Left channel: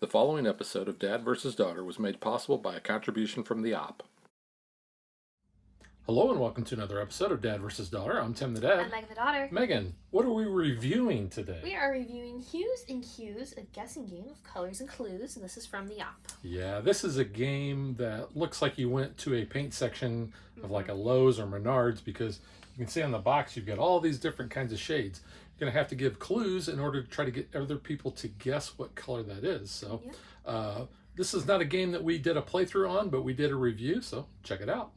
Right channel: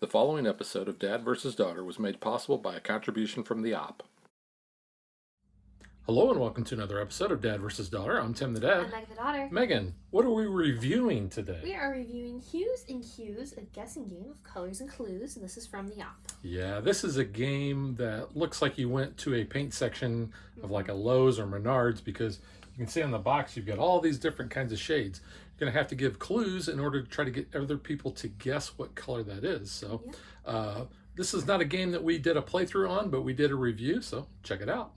The following episode of Dad vs. Daughter was made possible by a contribution from the op. Hello and welcome to another episode of Dad vs. Daughter. I'm Tim the Dad. I'm Meg the daughter. Megan, what are we reviewing today? We are reviewing Hues and Hues, a guessing game of colors and clues, and this is from the op. Yeah, this is a game that looks like you went to a paint section of like a Lowe's or Menards, because you can see on the box you've got all these different kinds of shades. You're going to have to give clues in order to try to get other people to guess what color that is. So this is not a game that we did a playthrough on, but we did a review, so check it out.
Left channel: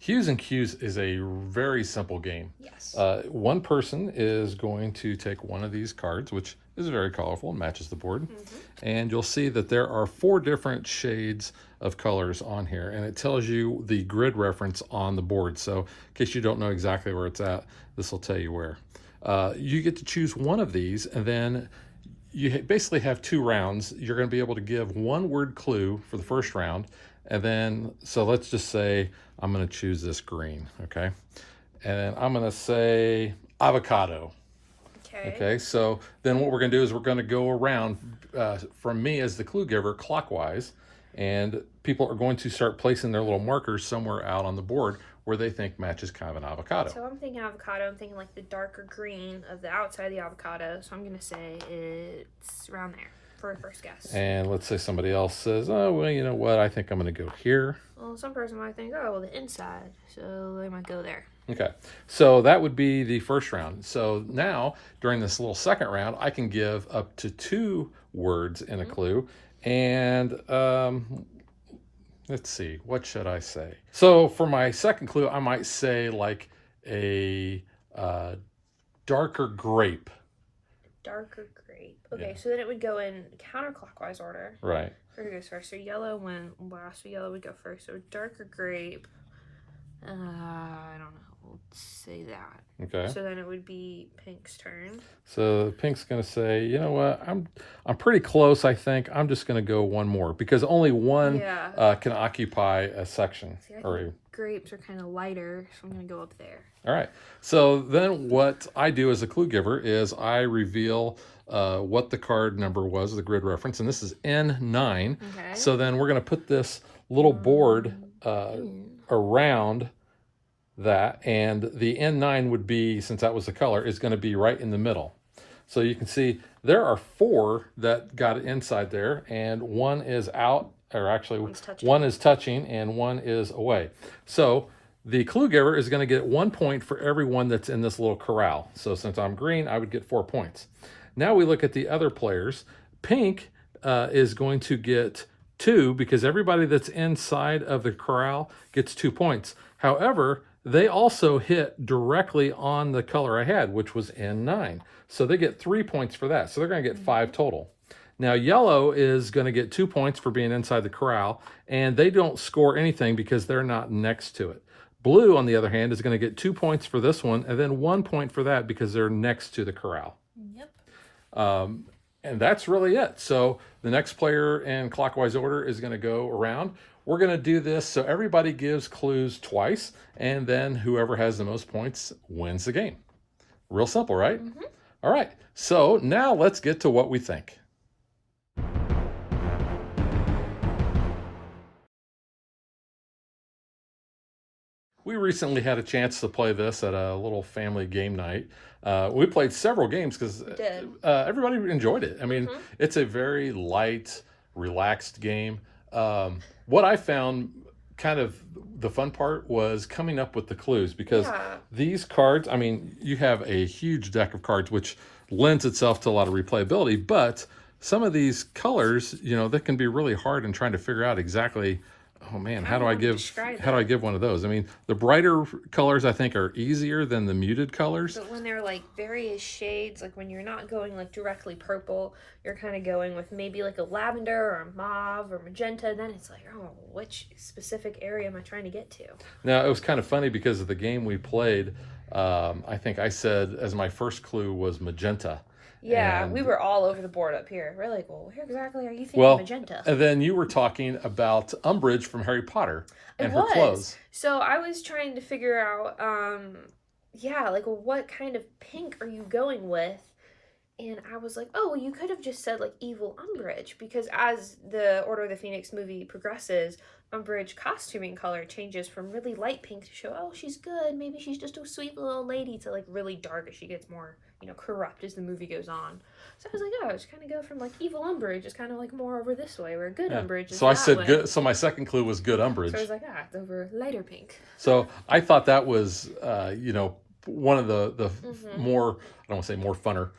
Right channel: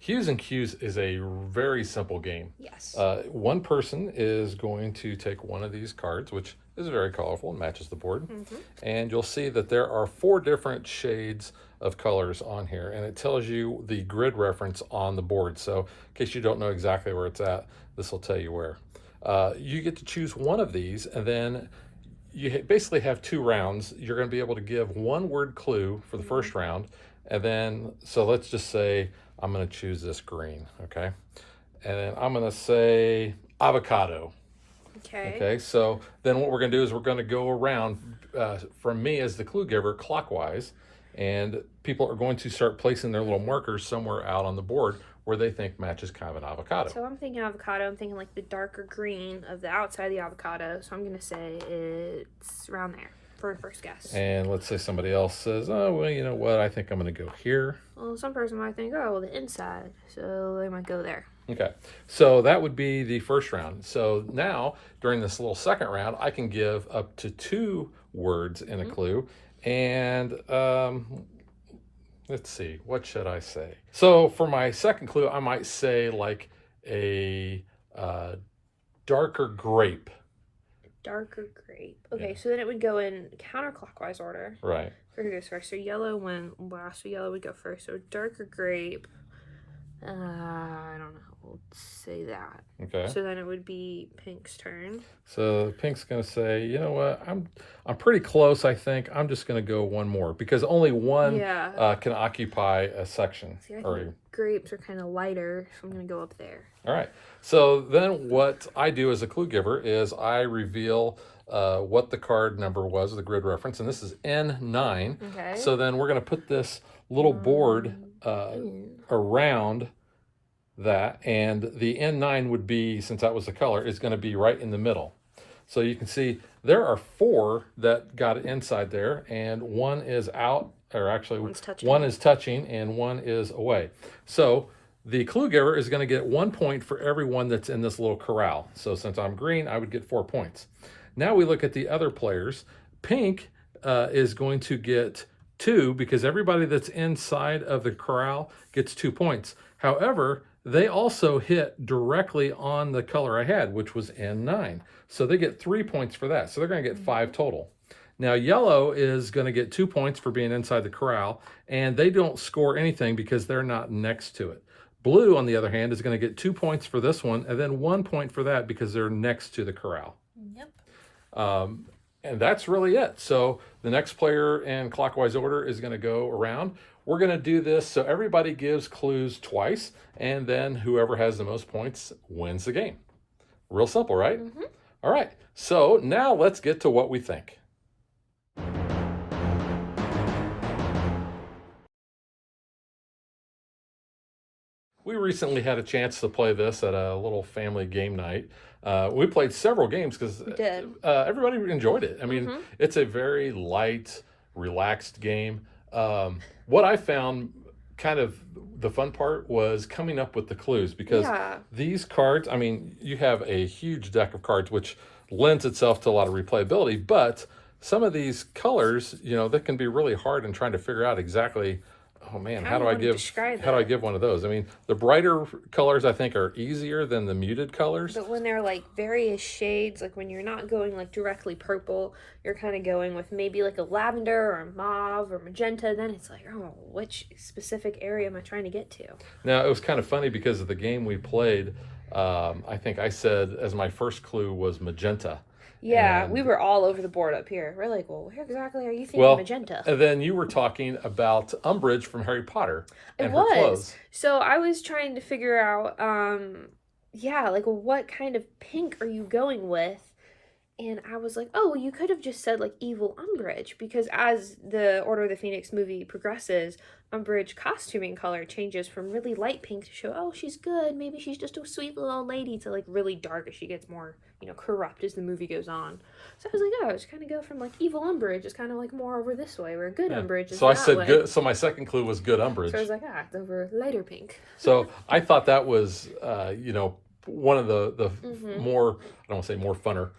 Hues and Cues is a very simple game. Yes. One person is going to take one of these cards, which is very colorful and matches the board. And you'll see that there are 4 different shades of colors on here, and it tells you the grid reference on the board. So in case you don't know exactly where it's at, this will tell you where. You get to choose one of these, and then you basically have 2 rounds. You're going to be able to give 1 word clue for the first round, and then, so let's just say I'm going to choose this green, okay? And then I'm going to say avocado. Okay, so then what we're going to do is we're going to go around from me as the clue giver clockwise, and people are going to start placing their little markers somewhere out on the board where they think matches kind of an avocado. So I'm thinking avocado. I'm thinking like the darker green of the outside of the avocado. So I'm going to say it's around there for a first guess. And let's say somebody else says, oh, well, you know what? I think I'm going to go here. Well, some person might think, oh, well, the inside. So they might go there. Okay, so that would be the first round. So now, during this little second round, I can give up to 2 words in a clue. And let's see, what should I say? So for my second clue, I might say like a darker grape. Darker grape. Okay, so then it would go in counterclockwise order. Right. Who goes first? So yellow went last, so yellow would go first. So darker grape. I don't know. We'll say that. Okay. So then it would be pink's turn. So pink's gonna say, you know what? I'm pretty close. I think I'm just gonna go 1 more, because only 1 can occupy a section. See, grapes are kind of lighter, so I'm gonna go up there. All right. So then what I do as a clue giver is I reveal what the card number was, the grid reference, and this is N9. Okay. So then we're going to put this little board around that, and the N9 would be, since that was the color, is going to be right in the middle. So you can see there are 4 that got it inside there, and 1 is out, or actually 1 is touching and 1 is away. So the clue giver is going to get 1 point for everyone that's in this little corral. So since I'm green, I would get 4 points. Now we look at the other players. Pink is going to get 2, because everybody that's inside of the corral gets 2 points. However, they also hit directly on the color I had, which was N9. So they get 3 points for that. So they're going to get 5 total. Now, yellow is going to get 2 points for being inside the corral, and they don't score anything because they're not next to it. Blue, on the other hand, is going to get 2 points for this one, and then 1 point for that because they're next to the corral. Yep. And that's really it. So the next player in clockwise order is going to go around. We're going to do this so everybody gives clues twice, and then whoever has the most points wins the game. Real simple, right? All right. So now let's get to what we think. We recently had a chance to play this at a little family game night. We played several games because everybody enjoyed it. I mean, it's a very light, relaxed game. What I found kind of the fun part was coming up with the clues, because these cards, I mean, you have a huge deck of cards, which lends itself to a lot of replayability, but some of these colors, you know, that can be really hard in trying to figure out exactly, oh man, how do I give one of those? I mean, the brighter colors I think are easier than the muted colors. But when they're like various shades, like when you're not going like directly purple, you're kind of going with maybe like a lavender or a mauve or magenta, then it's like, oh, which specific area am I trying to get to? Now, it was kind of funny because of the game we played. I think I said as my first clue was magenta. Yeah, And we were all over the board up here. We're like, well, where exactly are you thinking well, magenta? and then you were talking about Umbridge from Harry Potter It and her was. clothes. So I was trying to figure out, yeah, like what kind of pink are you going with? And I was like, oh, well, you could have just said like evil Umbridge, because as the Order of the Phoenix movie progresses, Umbridge costuming color changes from really light pink to show, oh, she's good. Maybe she's just a sweet little old lady, to like really dark as she gets more, corrupt as the movie goes on. So I was like, oh, I was kind of go from like evil Umbridge is kind of like more over this way, where good Umbridge is So I that said way. good. So my second clue was good Umbridge. So I was like, it's over lighter pink. So I thought that was, one of the more, I don't want to say more funner.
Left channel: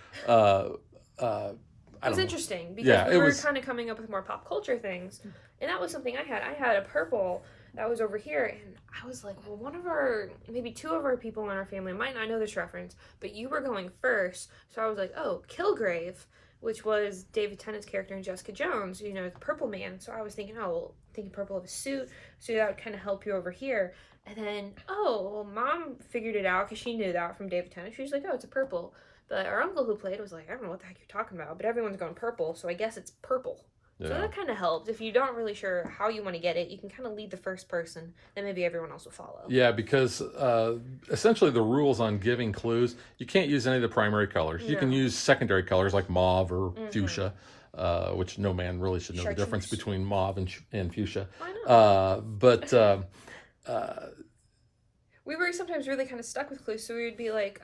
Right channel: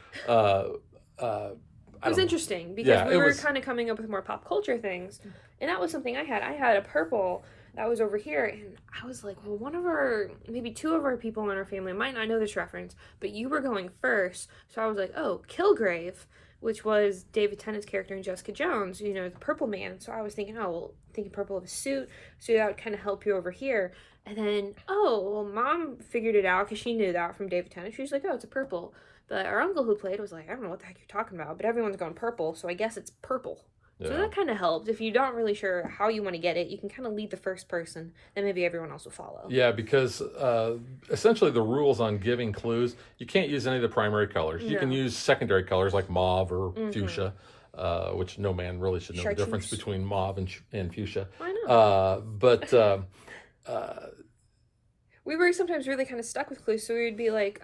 It was interesting because we were kind of coming up with more pop culture things, and that was something I had. I had a purple that was over here, and I was like, well, maybe two of our people in our family might not know this reference, but you were going first, so I was like, oh, Kilgrave, which was David Tennant's character in Jessica Jones, the Purple Man. So I was thinking, thinking purple of a suit, so that would kind of help you over here. And then, Mom figured it out because she knew that from David Tennant. She was like, oh, it's a purple. But our uncle who played was like, I don't know what the heck you're talking about, but everyone's going purple, so I guess it's purple. Yeah. So that kind of helped. If you're not really sure how you want to get it, you can kind of lead the first person, then maybe everyone else will follow. Yeah, because essentially the rules on giving clues, you can't use any of the primary colors. No. You can use secondary colors like mauve or fuchsia, which no man really should know the difference between mauve and fuchsia. I know. We were sometimes really kind of stuck with clues, so we would be like,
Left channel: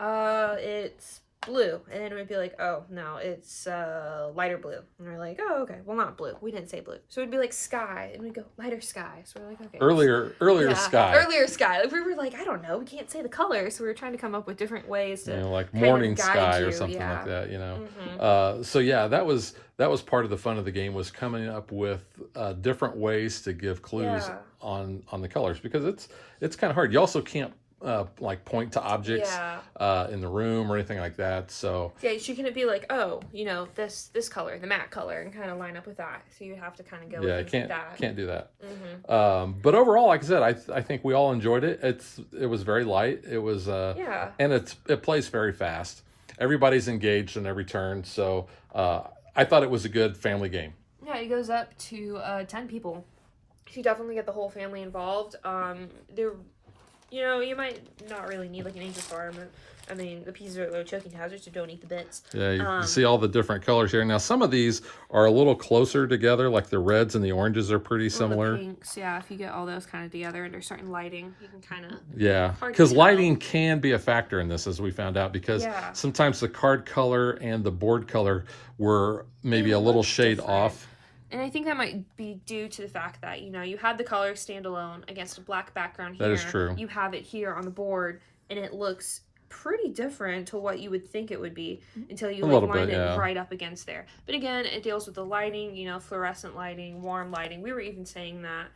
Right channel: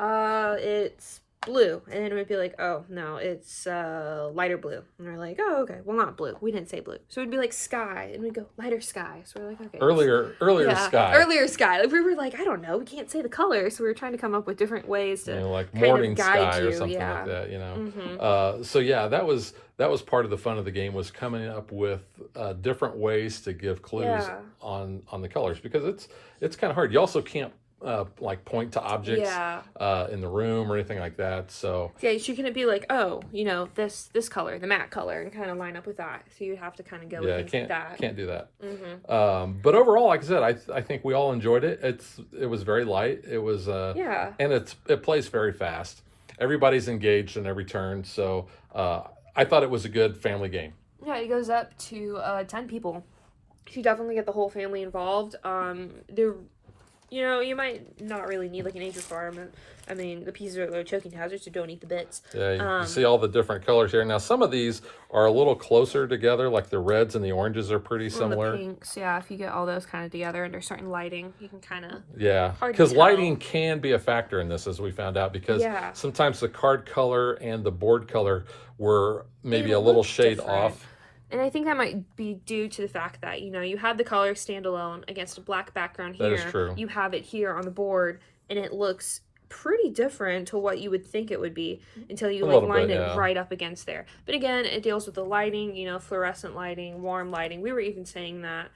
it's blue, and then it would be like, oh no, it's lighter blue, and we're like, oh, okay, well, not blue, we didn't say blue, so it'd be like sky, and we'd go lighter sky, so we're like, okay, earlier sky, like we were like, I don't know, we can't say the color, so we were trying to come up with different ways to like morning sky or something like that, so yeah, that was part of the fun of the game, was coming up with different ways to give clues on the colors, because it's kind of hard. You also can't like point to objects in the room or anything like that. So yeah, she couldn't be like, this color, the matte color, and kind of line up with that. So you have to kind of go with that. Can't do that. But overall, like I said, I think we all enjoyed it. It was very light. It was and it plays very fast. Everybody's engaged in every turn. So I thought it was a good family game. Yeah, it goes up to 10 people. You definitely get the whole family involved. You might not really need like an age requirement. I mean, the pieces are low choking hazards, so don't eat the bits. Yeah, you see all the different colors here. Now, some of these are a little closer together, like the reds and the oranges are pretty similar. The pinks, yeah, if you get all those kind of together under certain lighting, you can kind of... Yeah, because lighting can be a factor in this, as we found out, because sometimes the card color and the board color were maybe a little shade off. And I think that might be due to the fact that, you have the color standalone against a black background here. That is true. You have it here on the board, and it looks pretty different to what you would think it would be until you line it right up against there. But again, it deals with the lighting, fluorescent lighting, warm lighting. We were even saying that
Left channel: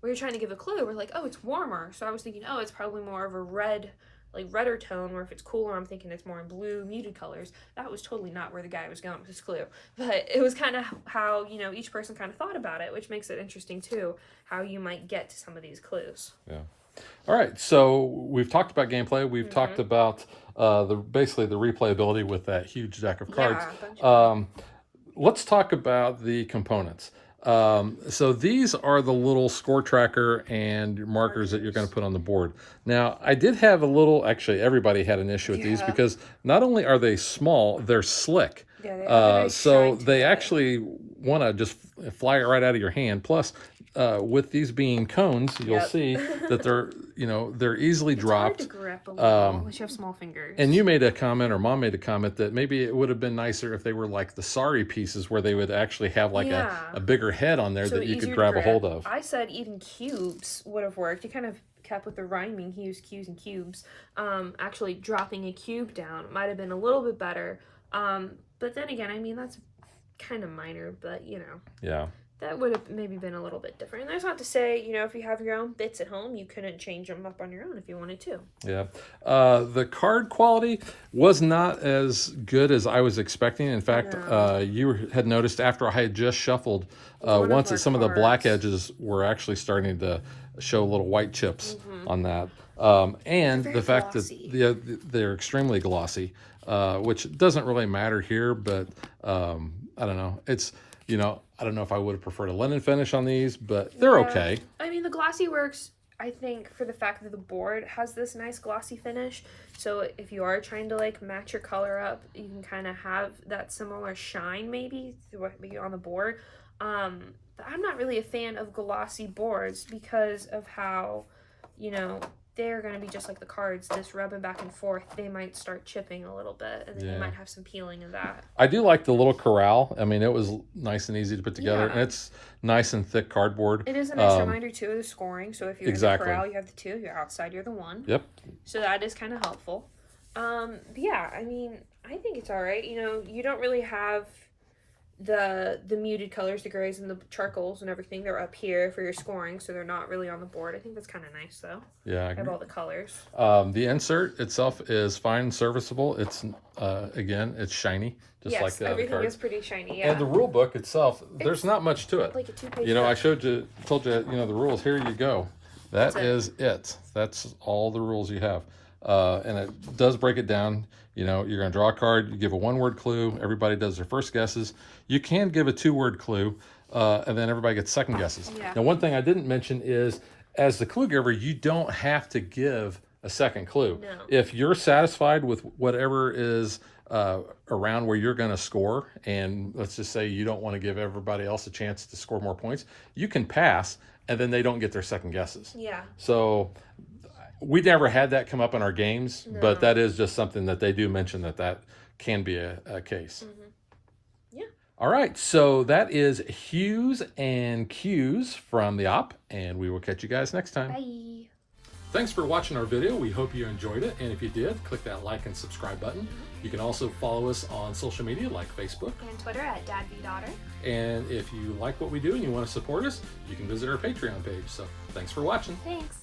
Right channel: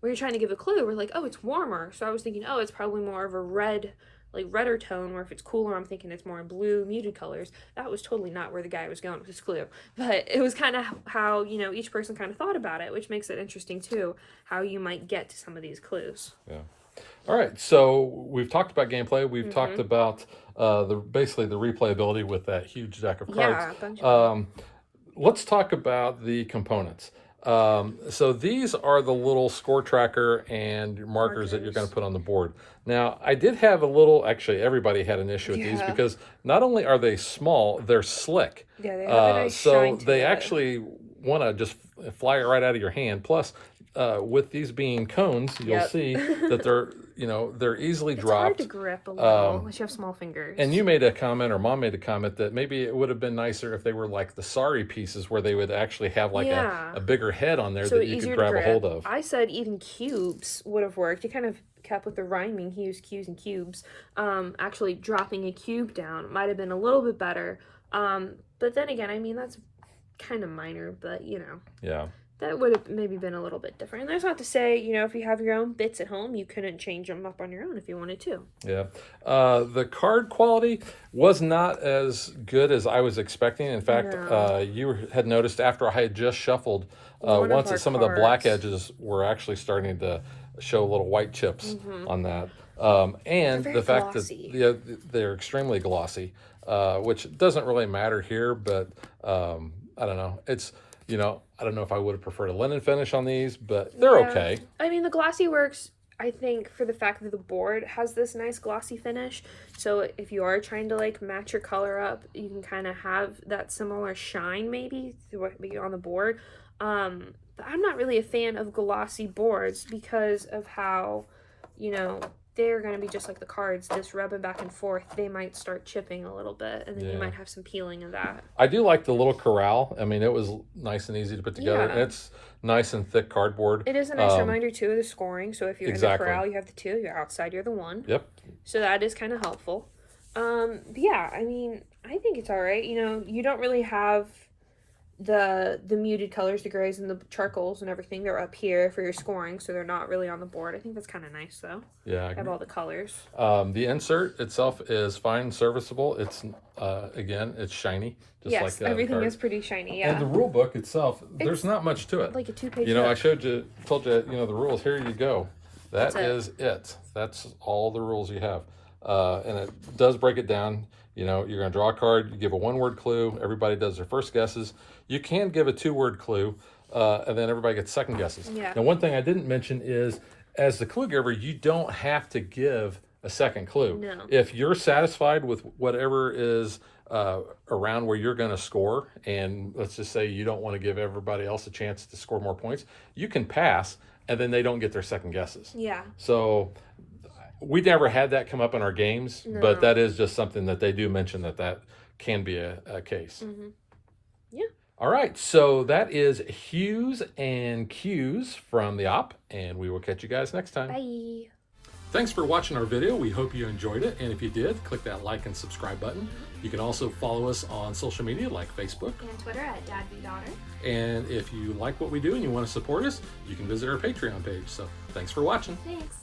we were trying to give a clue. We're like, oh, it's warmer. So I was thinking, oh, it's probably more of a redder tone, or if it's cooler, I'm thinking it's more in blue, muted colors. That was totally not where the guy was going with his clue. But it was kind of how, each person kind of thought about it, which makes it interesting, too, how you might get to some of these clues. Yeah. All right, so we've talked about gameplay. We've talked about basically the replayability with that huge deck of cards. Let's talk about the components. So these are the little score tracker and markers that you're going to put on the board. Now, I did have actually everybody had an issue with these, because not only are they small, they're slick. Yeah, so they actually want to just fly it right out of your hand. Plus, with these being cones, you'll see that they're easily dropped. It's hard to grip a little, unless you have small fingers. And you made a comment, or Mom made a comment, that maybe it would have been nicer if they were like the sorry pieces, where they would actually have like a bigger head on there that you could grab a hold of. I said even cubes would have worked. You kind of kept with the rhyming Hues, Q's, and cubes. Actually dropping a cube down might have been a little bit better. But then again, I mean, that's kind of minor, but Yeah. That would have maybe been a little bit different. And that's not to say, if you have your own bits at home, you couldn't change them up on your own if you wanted to. Yeah. The card quality was not as good as I was expecting. In fact, you had noticed after I had just shuffled once that some of the black edges were actually starting to show little white chips on that. And the fact that they're extremely glossy. which doesn't really matter here, but I don't know. It's, you know, I don't know if I would have preferred a linen finish on these, but they're okay. I mean, the glossy works, I think, for the fact that the board has this nice glossy finish. So if you are trying to like match your color up, you can kind of have that similar shine maybe on the board. But I'm not really a fan of glossy boards because of how, you know, they're going to be just like the cards, this rubbing back and forth. They might start chipping a little bit, and then you might have some peeling of that. I do like the little corral. I mean, it was nice and easy to put together, and it's nice and thick cardboard. It is a nice reminder, too, of the scoring. So if you're in the corral, you have the 2. You're outside, you're the 1. Yep. So that is kind of helpful. But yeah, I mean, I think it's all right. You know, you don't really have the muted colors, the grays and the charcoals and everything. They're up here for your scoring, so they're not really on the board. I think that's kind of nice, though. Yeah, I have all the colors. The insert itself is fine and serviceable. It's again, it's shiny, just like the other everything cards. Is pretty shiny. Yeah. And the rule book itself, there's not much to it. Like a 2-page. You know, I told you, you know, the rules. Here you go. That is it. That's all the rules you have. And it does break it down. You know, you're going to draw a card, you give a 1-word clue, everybody does their first guesses. You can give a 2-word clue, and then everybody gets second guesses. Yeah. Now, one thing I didn't mention is, as the clue giver, you don't have to give a second clue. No. If you're satisfied with whatever is around where you're going to score, and let's just say you don't want to give everybody else a chance to score more points, you can pass, and then they don't get their second guesses. Yeah. So we never had that come up in our games, but that is just something that they do mention that can be a case. Mm-hmm. Yeah. All right, so that is Hues and Cues from the op, and we will catch you guys next time. Bye. Thanks for watching our video. We hope you enjoyed it, and if you did, click that like and subscribe button. You can also follow us on social media like Facebook and Twitter at DadBeDaughter. And if you like what we do and you want to support us, you can visit our Patreon page. So thanks for watching. Thanks.